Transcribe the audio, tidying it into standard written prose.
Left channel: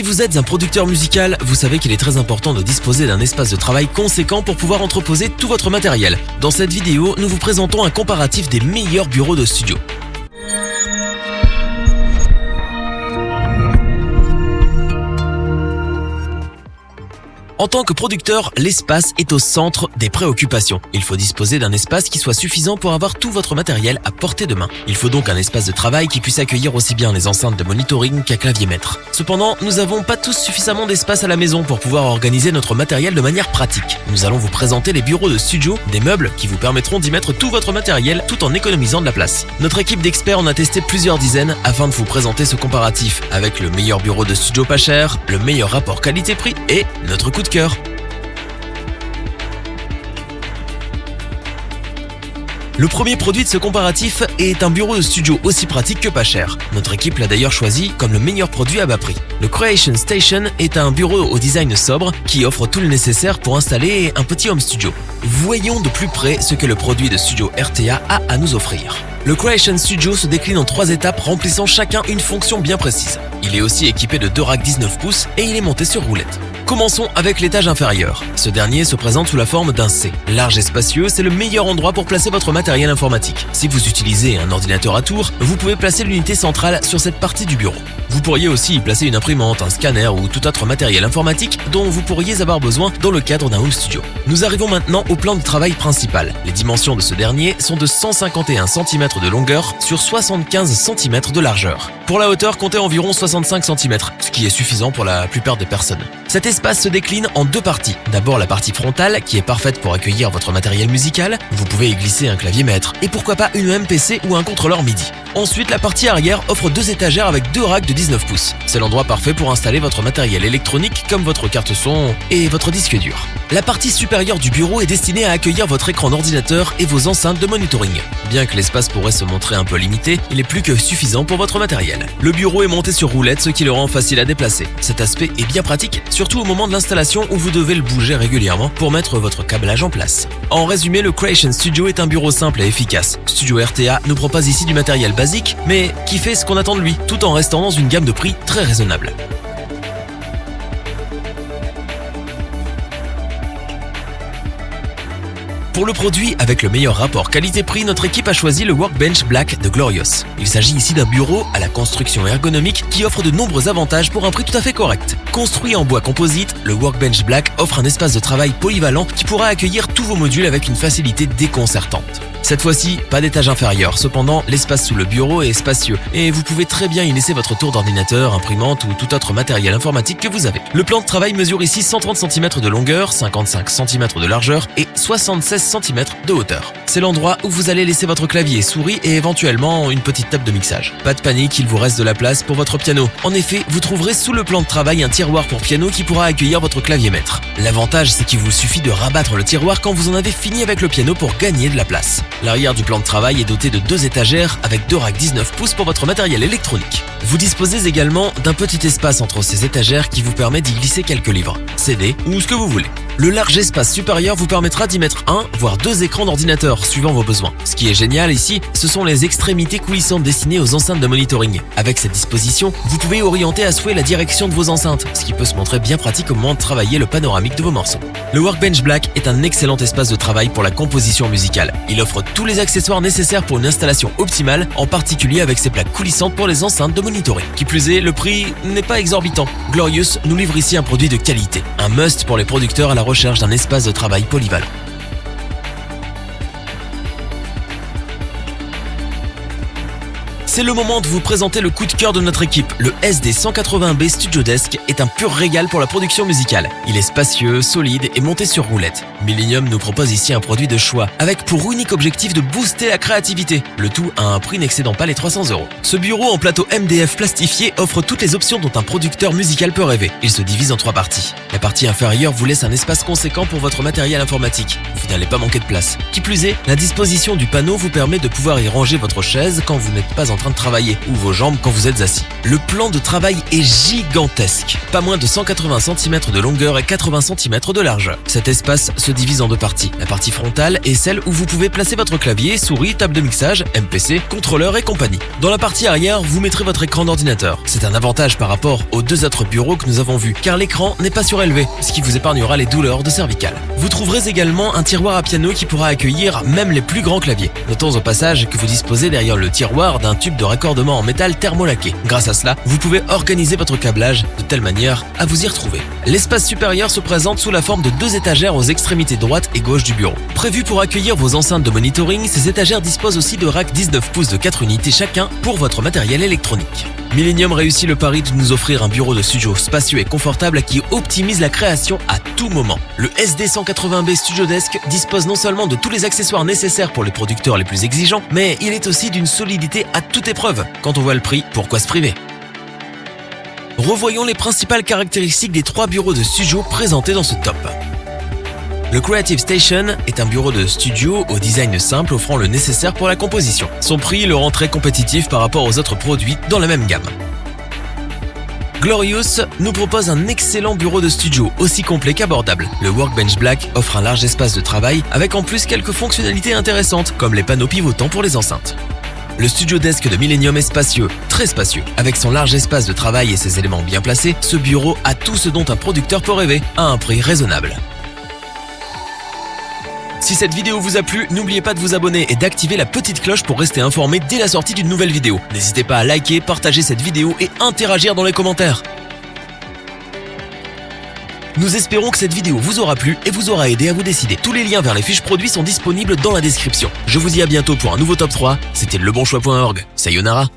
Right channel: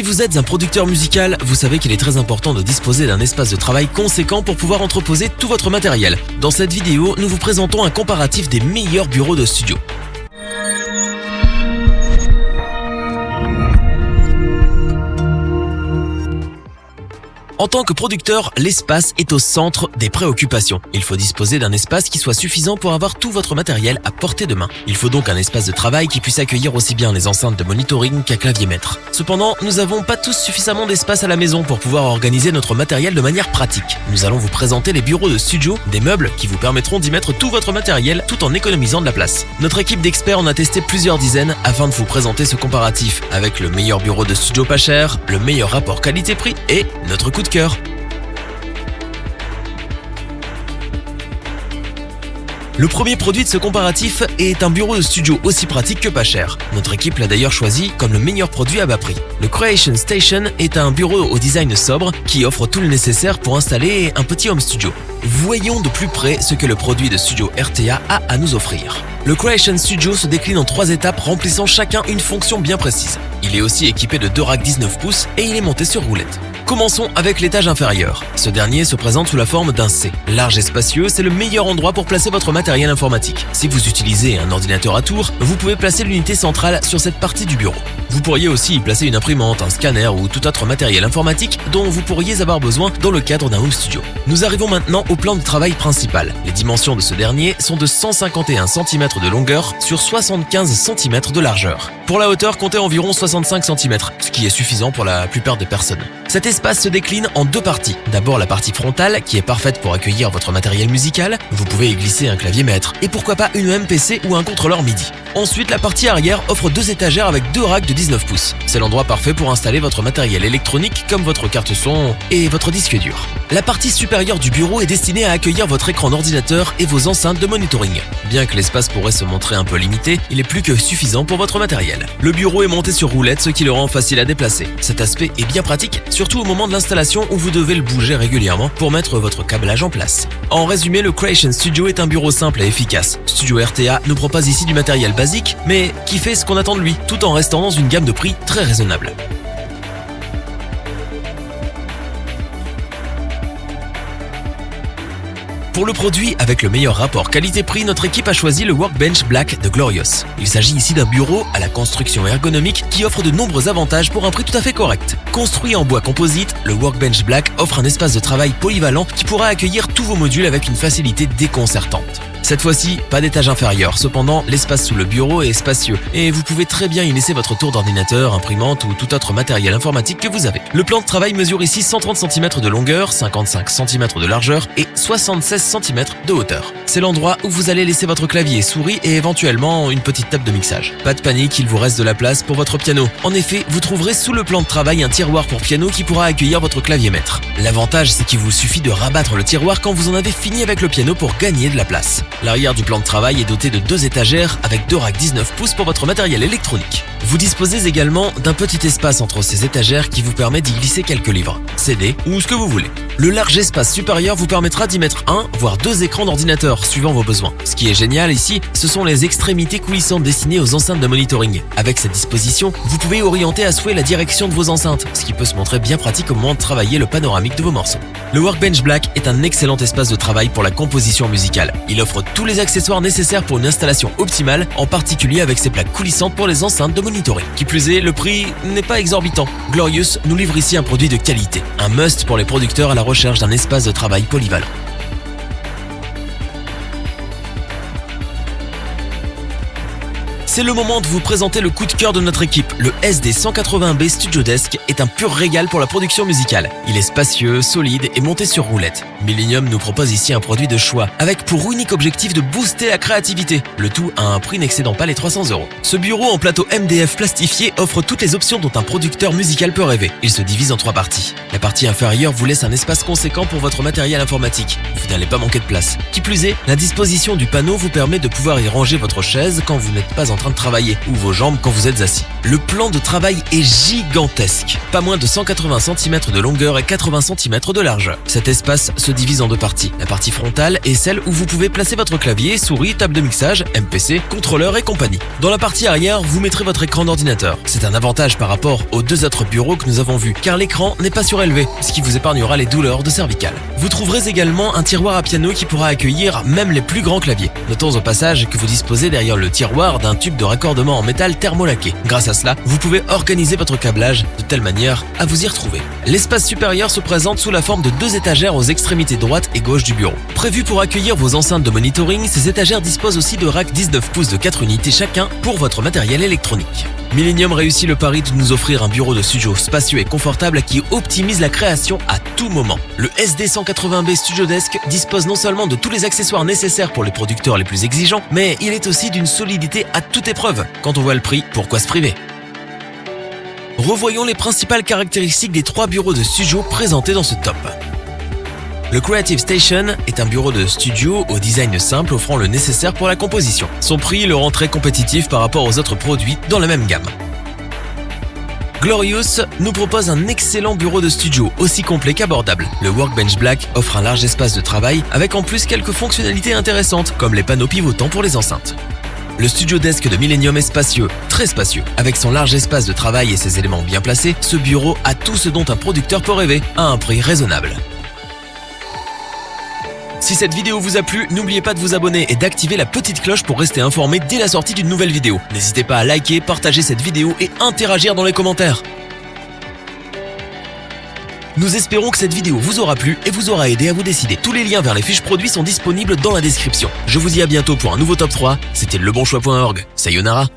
Si vous êtes un producteur musical, vous savez qu'il est très important de disposer d'un espace de travail conséquent pour pouvoir entreposer tout votre matériel. Dans cette vidéo, nous vous présentons un comparatif des meilleurs bureaux de studio. En tant que producteur, l'espace est au centre des préoccupations. Il faut disposer d'un espace qui soit suffisant pour avoir tout votre matériel à portée de main. Il faut donc un espace de travail qui puisse accueillir aussi bien les enceintes de monitoring qu'un clavier maître. Cependant, nous n'avons pas tous suffisamment d'espace à la maison pour pouvoir organiser notre matériel de manière pratique. Nous allons vous présenter les bureaux de studio, des meubles qui vous permettront d'y mettre tout votre matériel tout en économisant de la place. Notre équipe d'experts en a testé plusieurs dizaines afin de vous présenter ce comparatif avec le meilleur bureau de studio pas cher, le meilleur rapport qualité-prix et notre coup de cœur. Le premier produit de ce comparatif est un bureau de studio aussi pratique que pas cher. Notre équipe l'a d'ailleurs choisi comme le meilleur produit à bas prix. Le Creation Station est un bureau au design sobre qui offre tout le nécessaire pour installer un petit home studio. Voyons de plus près ce que le produit de studio RTA a à nous offrir. Le Creation Studio se décline en 3 étapes remplissant chacun une fonction bien précise. Il est aussi équipé de 2 racks 19 pouces et il est monté sur roulette. Commençons avec l'étage inférieur. Ce dernier se présente sous la forme d'un C. Large et spacieux, c'est le meilleur endroit pour placer votre matériel informatique. Si vous utilisez un ordinateur à tour, vous pouvez placer l'unité centrale sur cette partie du bureau. Vous pourriez aussi y placer une imprimante, un scanner ou tout autre matériel informatique dont vous pourriez avoir besoin dans le cadre d'un home studio. Nous arrivons maintenant au plan de travail principal. Les dimensions de ce dernier sont de 151 cm de longueur sur 75 cm de largeur. Pour la hauteur, comptez environ 65 cm, ce qui est suffisant pour la plupart des personnes. Cet espace se décline en 2 parties. D'abord la partie frontale qui est parfaite pour accueillir votre matériel musical. Vous pouvez y glisser un clavier maître et pourquoi pas une MPC ou un contrôleur MIDI. Ensuite, la partie arrière offre 2 étagères avec 2 racks de 19 pouces. C'est l'endroit parfait pour installer votre matériel électronique comme votre carte son et votre disque dur. La partie supérieure du bureau est destinée à accueillir votre écran d'ordinateur et vos enceintes de monitoring. Bien que l'espace pourrait se montrer un peu limité, il est plus que suffisant pour votre matériel. Le bureau est monté sur roulette, ce qui le rend facile à déplacer. Cet aspect est bien pratique, surtout au moment de l'installation où vous devez le bouger régulièrement pour mettre votre câblage en place. En résumé, le Creation Studio est un bureau simple et efficace. Studio RTA ne propose ici du matériel basique, mais qui fait ce qu'on attend de lui, tout en restant dans une gamme de prix très raisonnable. Pour le produit avec le meilleur rapport qualité-prix, notre équipe a choisi le Workbench Black de Glorious. Il s'agit ici d'un bureau à la construction ergonomique qui offre de nombreux avantages pour un prix tout à fait correct. Construit en bois composite, le Workbench Black offre un espace de travail polyvalent qui pourra accueillir tous vos modules avec une facilité déconcertante. Cette fois-ci, pas d'étage inférieur. Cependant, l'espace sous le bureau est spacieux et vous pouvez très bien y laisser votre tour d'ordinateur, imprimante ou tout autre matériel informatique que vous avez. Le plan de travail mesure ici 130 cm de longueur, 55 cm de largeur et 76 cm de hauteur. C'est l'endroit où vous allez laisser votre clavier, souris et éventuellement une petite table de mixage. Pas de panique, il vous reste de la place pour votre piano. En effet, vous trouverez sous le plan de travail un tiroir pour piano qui pourra accueillir votre clavier maître. L'avantage, c'est qu'il vous suffit de rabattre le tiroir quand vous en avez fini avec le piano pour gagner de la place. L'arrière du plan de travail est doté de 2 étagères avec 2 racks 19 pouces pour votre matériel électronique. Vous disposez également d'un petit espace entre ces étagères qui vous permet d'y glisser quelques livres, CD ou ce que vous voulez. Le large espace supérieur vous permettra d'y mettre 1 voire 2 écrans d'ordinateur suivant vos besoins. Ce qui est génial ici, ce sont les extrémités coulissantes destinées aux enceintes de monitoring. Avec cette disposition, vous pouvez orienter à souhait la direction de vos enceintes, ce qui peut se montrer bien pratique au moment de travailler le panoramique de vos morceaux. Le Workbench Black est un excellent espace de travail pour la composition musicale. Il offre tous les accessoires nécessaires pour une installation optimale, en particulier avec ses plaques coulissantes pour les enceintes de monitoring. Qui plus est, le prix n'est pas exorbitant. Glorious nous livre ici un produit de qualité, un must pour les producteurs à la recherche d'un espace de travail polyvalent. C'est le moment de vous présenter le coup de cœur de notre équipe. Le SD180B Studio Desk est un pur régal pour la production musicale. Il est spacieux, solide et monté sur roulette. Millennium nous propose ici un produit de choix, avec pour unique objectif de booster la créativité. Le tout à un prix n'excédant pas les 300 €. Ce bureau en plateau MDF plastifié offre toutes les options dont un producteur musical peut rêver. Il se divise en 3 parties. La partie inférieure vous laisse un espace conséquent pour votre matériel informatique. Vous n'allez pas manquer de place. Qui plus est, la disposition du panneau vous permet de pouvoir y ranger votre chaise quand vous n'êtes pas en train train de travailler ou vos jambes quand vous êtes assis. Le plan de travail est gigantesque. Pas moins de 180 cm de longueur et 80 cm de largeur. Cet espace se divise en deux parties. La partie frontale est celle où vous pouvez placer votre clavier, souris, table de mixage, MPC, contrôleur et compagnie. Dans la partie arrière, vous mettrez votre écran d'ordinateur. C'est un avantage par rapport aux deux autres bureaux que nous avons vus, car l'écran n'est pas surélevé, ce qui vous épargnera les douleurs de cervicales. Vous trouverez également un tiroir à piano qui pourra accueillir même les plus grands claviers. Notons au passage que vous disposez derrière le tiroir d'un tube de raccordement en métal thermolaqué. Grâce à cela, vous pouvez organiser votre câblage de telle manière à vous y retrouver. L'espace supérieur se présente sous la forme de deux étagères aux extrémités droite et gauche du bureau. Prévu pour accueillir vos enceintes de monitoring, ces étagères disposent aussi de racks 19 pouces de 4 unités chacun pour votre matériel électronique. Millennium réussit le pari de nous offrir un bureau de studio spacieux et confortable qui optimise la création à tout moment. Le SD180B Studio Desk dispose non seulement de tous les accessoires nécessaires pour les producteurs les plus exigeants, mais il est aussi d'une solidité à toute épreuve. Quand on voit le prix, pourquoi se priver ? Revoyons les principales caractéristiques des trois bureaux de studio présentés dans ce top. Le Creative Station est un bureau de studio au design simple offrant le nécessaire pour la composition. Son prix le rend très compétitif par rapport aux autres produits dans la même gamme. Glorious nous propose un excellent bureau de studio, aussi complet qu'abordable. Le Workbench Black offre un large espace de travail avec en plus quelques fonctionnalités intéressantes, comme les panneaux pivotants pour les enceintes. Le Studio Desk de Millennium est spacieux, très spacieux. Avec son large espace de travail et ses éléments bien placés, ce bureau a tout ce dont un producteur peut rêver, à un prix raisonnable. Si cette vidéo vous a plu, n'oubliez pas de vous abonner et d'activer la petite cloche pour rester informé dès la sortie d'une nouvelle vidéo. N'hésitez pas à liker, partager cette vidéo et interagir dans les commentaires. Nous espérons que cette vidéo vous aura plu et vous aura aidé à vous décider. Tous les liens vers les fiches produits sont disponibles dans la description. Je vous dis à bientôt pour un nouveau top 3. C'était lebonchoix.org. Sayonara.